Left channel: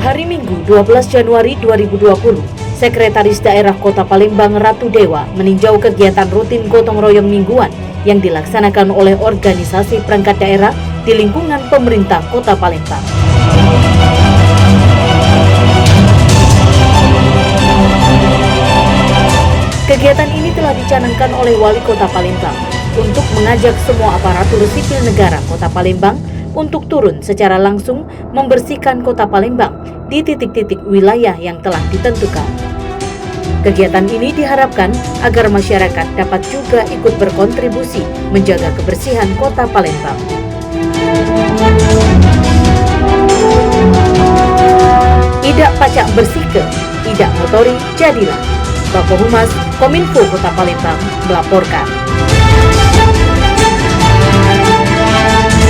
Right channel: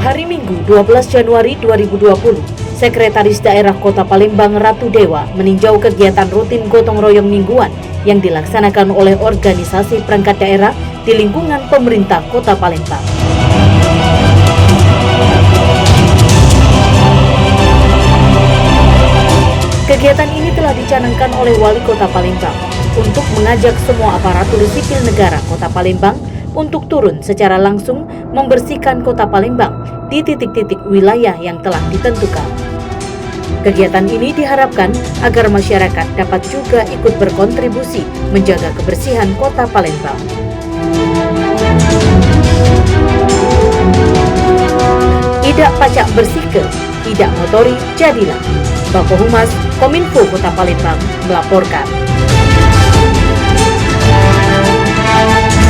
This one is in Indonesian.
Hari Minggu 12 Januari 2020, Sekretaris Daerah Kota Palembang Ratu Dewa meninjau kegiatan rutin gotong royong mingguan yang dilaksanakan oleh organisasi perangkat daerah di lingkungan pemerintah Kota Palembang. Kegiatan ini telah dicanangkan oleh Wali Kota Palembang untuk mengajak semua aparatur sipil negara Kota Palembang untuk turun secara langsung membersihkan Kota Palembang di titik-titik wilayah yang telah ditentukan. Kegiatan ini diharapkan agar masyarakat dapat juga ikut berkontribusi menjaga kebersihan Kota Palembang. Idak pacak bersihke, idak motori jadilah. Bako Humas Kominfo Kota Palembang melaporkan.